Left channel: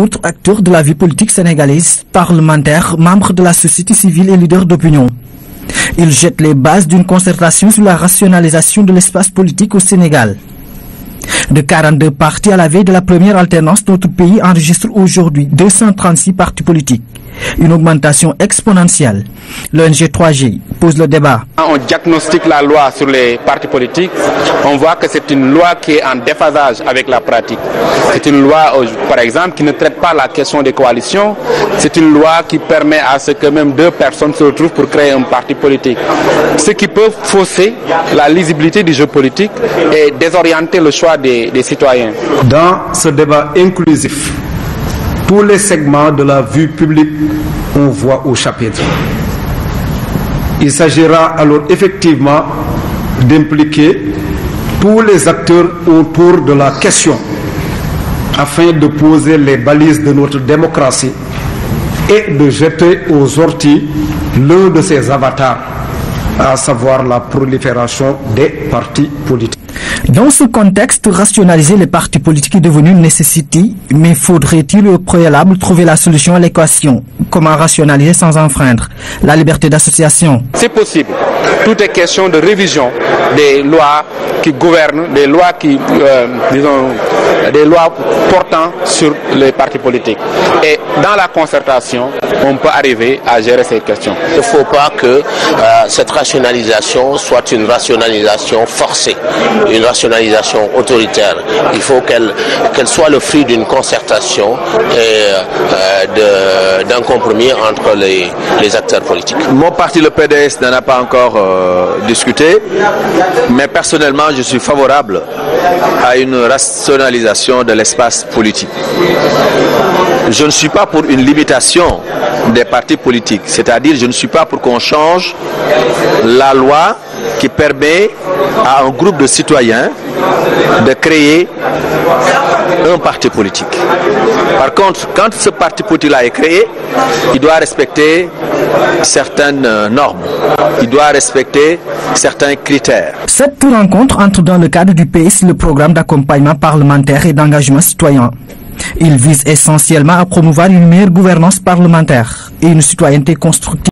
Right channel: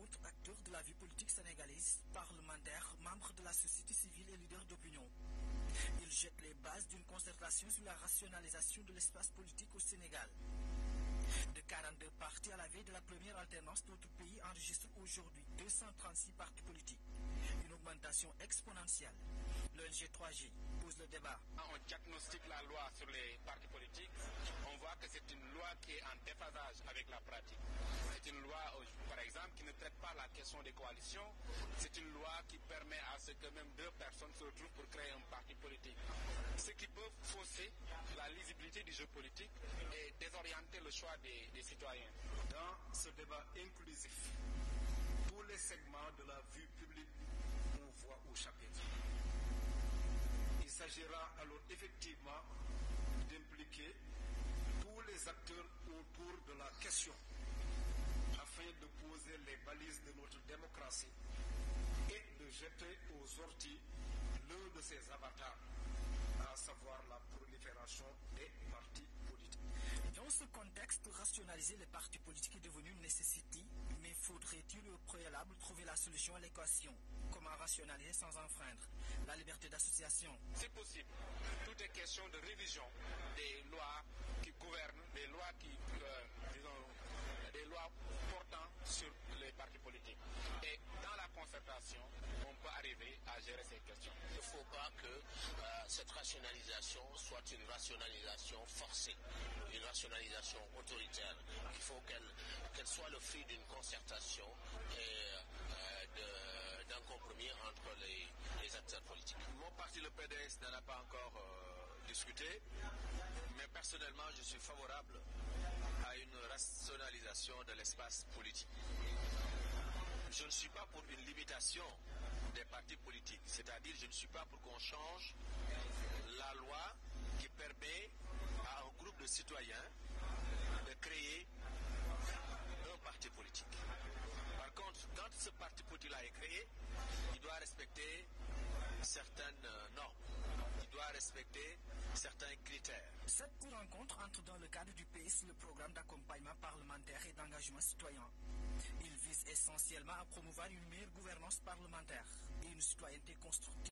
Autres acteurs de la vie politique sénégalaise, parlementaires, membres de la société civile et leaders d'opinion. Ils jettent les bases d'une concertation sur la rationalisation de l'espace politique au Sénégal. De 42 partis à la veille de la première alternance, notre pays enregistre aujourd'hui 236 partis politiques. Une augmentation exponentielle. L'ONG 3G pose le débat. Quand on diagnostique la loi sur les partis politiques, on voit que c'est une loi qui est en déphasage avec la pratique. C'est une loi, par exemple, qui ne traite pas la question des coalitions. C'est une loi qui permet à ce que même deux personnes se retrouvent pour créer un parti politique. Ce qui peut fausser la lisibilité du jeu politique et désorienter le choix des citoyens. Dans ce débat inclusif, tous les segments de la vie publique ont voix au chapitre. Il s'agira alors effectivement d'impliquer tous les acteurs autour de la question afin de poser les balises de notre démocratie et de jeter aux orties l'un de ses avatars, à savoir la prolifération des partis politiques. Dans ce contexte, rationaliser les partis politiques est devenu une nécessité, mais faudrait-il au préalable trouver la solution à l'équation? Comment rationaliser sans enfreindre la liberté d'association? C'est possible. Tout est question de révision des lois qui gouvernent, des lois qui, des lois portant sur les partis politiques. Et dans la concertation, on peut arriver à gérer ces questions. Il ne faut pas que cette rationalisation soit une rationalisation forcée, une rationalisation autoritaire. Il faut qu'elle soit le fruit d'une concertation et d'un compromis entre les acteurs politiques. Mon parti, le PDS, n'en a pas encore discuté, mais personnellement, je suis favorable à une rationalisation de l'espace politique. Je ne suis pas pour une limitation des partis politiques, c'est-à-dire je ne suis pas pour qu'on change la loi qui permet à un groupe de citoyens de créer un parti politique. Par contre, quand ce parti politique-là est créé, il doit respecter certaines normes, il doit respecter certains critères. Cette rencontre entre dans le cadre du PS, le programme d'accompagnement parlementaire et d'engagement citoyen. Il vise essentiellement à promouvoir une meilleure gouvernance parlementaire et une citoyenneté constructive.